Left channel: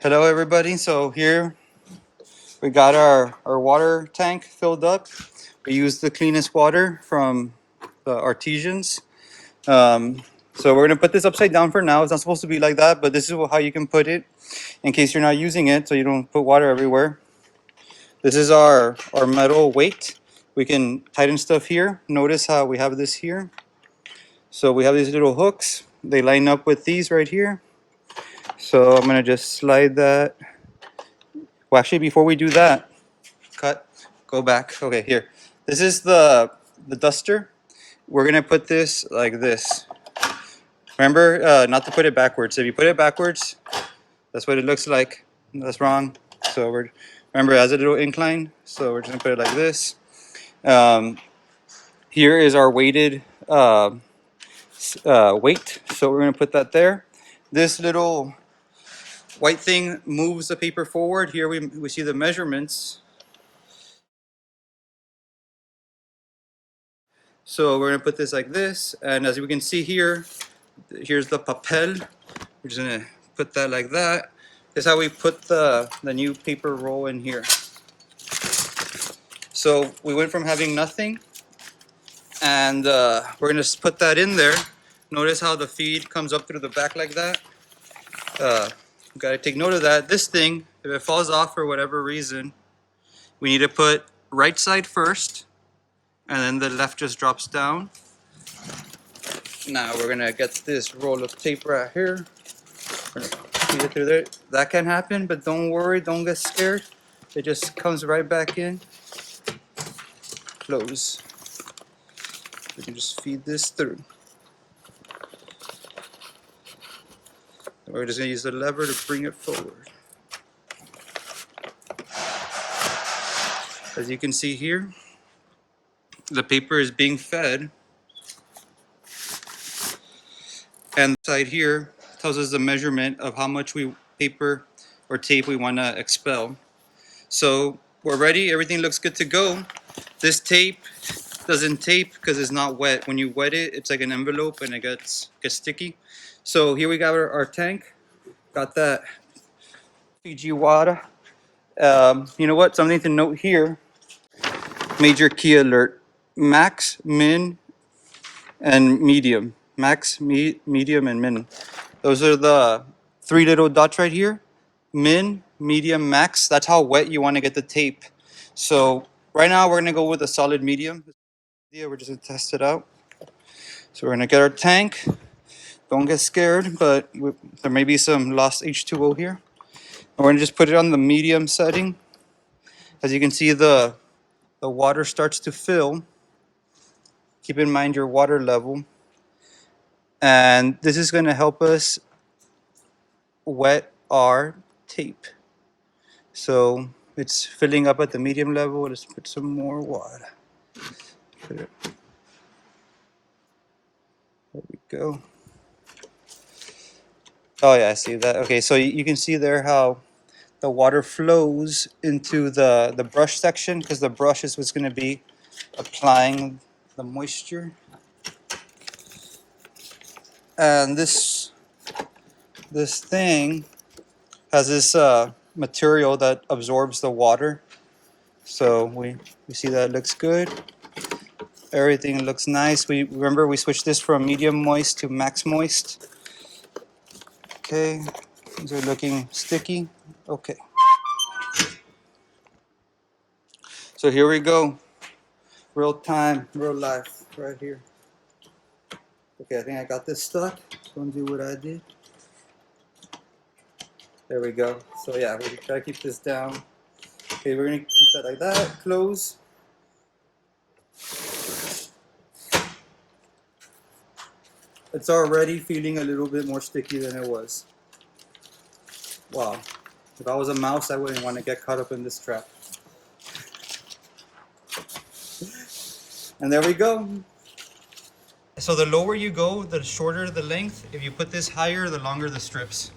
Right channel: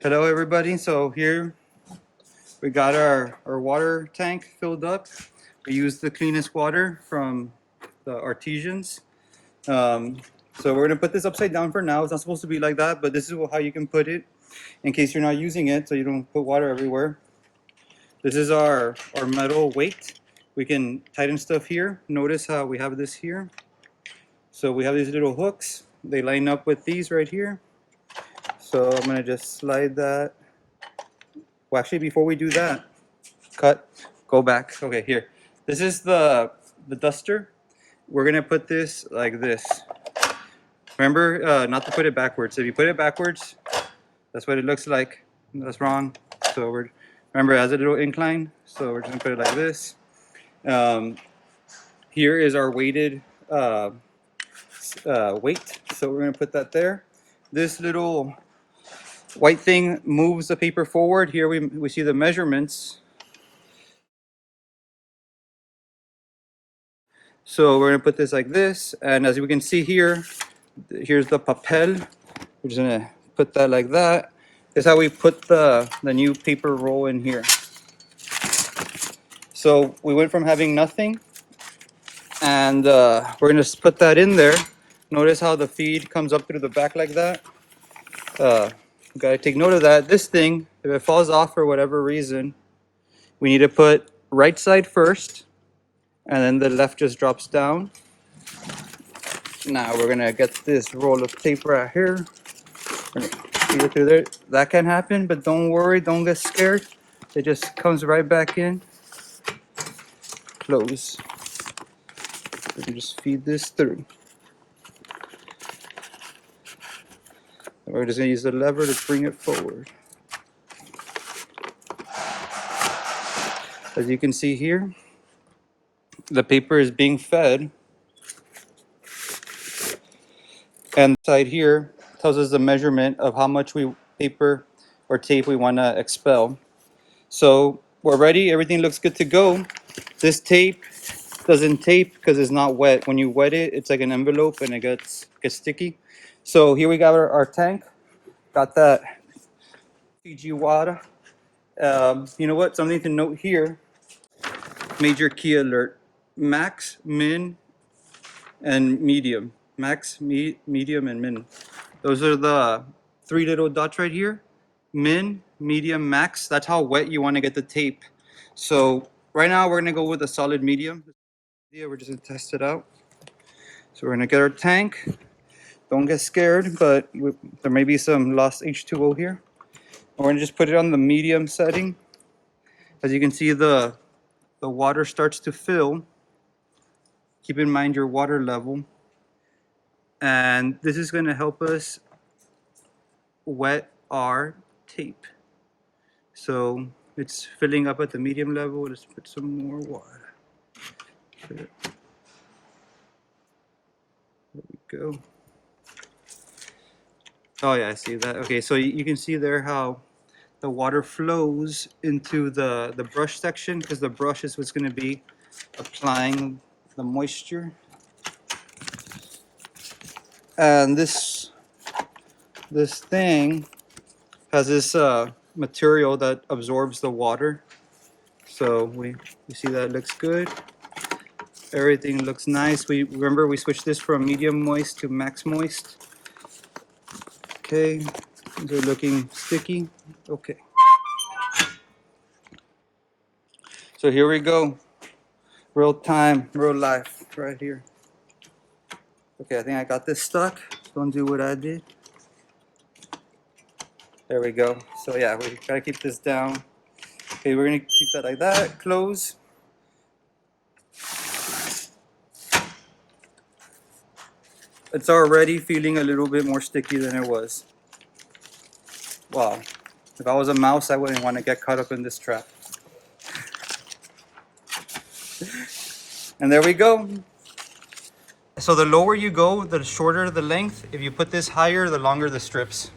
Hello everybody, so here we got our water tank filled up. We used the cleanest water from the artisans. So we're gonna put this upside down for now. It's not supposed to be like that, but this is how you can put it in case you're not using it so you don't put water everywhere. This is our metal weight. We can tighten stuff here. Notice how we have this here. So we have these little hooks. They line up with these right here. So I'm gonna just slide that. Well, actually, before we do that, go back. Okay, here. This is the duster. We're gonna put this like this. Remember, not to put it backwards. If you put it backwards, that's what it looks like. That's wrong. So remember, it has a little incline. So we're just gonna put it like this. Here is our weighted weight. So we're gonna put that there. This little white thing moves the paper forward. Here we see the measurements. So we're gonna put this like this, and as we can see here, here's the papel. We're just gonna put that like that. That's how we put the new paper roll in here. So we went from having nothing, and we're gonna just put that in there. Notice how the feed comes up through the back like that. Gotta take note of that. This thing, if it falls off for whatever reason, we need to put right side first, and then the left just drops down. Now we're gonna get this roll of tape right here. See it through there. That can happen, but don't worry, don't get scared. It just comes right back in. Close. We can just feed this through. We're just gonna use the lever to bring it forward. As you can see here, the paper is being fed. And the side here tells us the measurement of how much paper or tape we want to expel. So we're ready. Everything looks good to go. This tape doesn't tape because it's not wet. When you wet it, it's like an envelope and it gets sticky. So here we got our tank. Got that Fiji water. You know what? Something to note here. Major key alert. Max, min, and medium. Max, medium, and min. Those are the three little dots right here. Min, medium, max. That's how wet you want to get the tape. So right now we're going to go with a solid medium. Yeah, we're just going to test it out. So we're going to get our tank. Don't get scared, but there may be some lost H2O here. And we're going to just put it on the medium setting. As you can see, the water starts to fill. Keep in mind your water level. And this is going to help us wet our tape. So it's filling up at the medium level. Let's put some more water. There we go. Oh yeah, I see that. Okay, so you can see there how the water flows into the brush section, because the brush is what's going to be applying the moisture. And this thing has this material that absorbs the water. So we see that it looks good. Everything looks nice. Remember we switched this from medium moist to max moist. Okay, these are looking sticky. Okay. So here we go. Real time, real life, right here. Okay, I think I got this stuck. Don't do what I did. There we go. So yeah, we try to keep this down. Okay, we're gonna keep that like that. Close. It's already feeling a little bit more sticky than it was. Wow. If I was a mouse, I wouldn't want to get caught up in this trap. And there we go. So the lower you go, the shorter the length. If you put this higher, the longer the strips.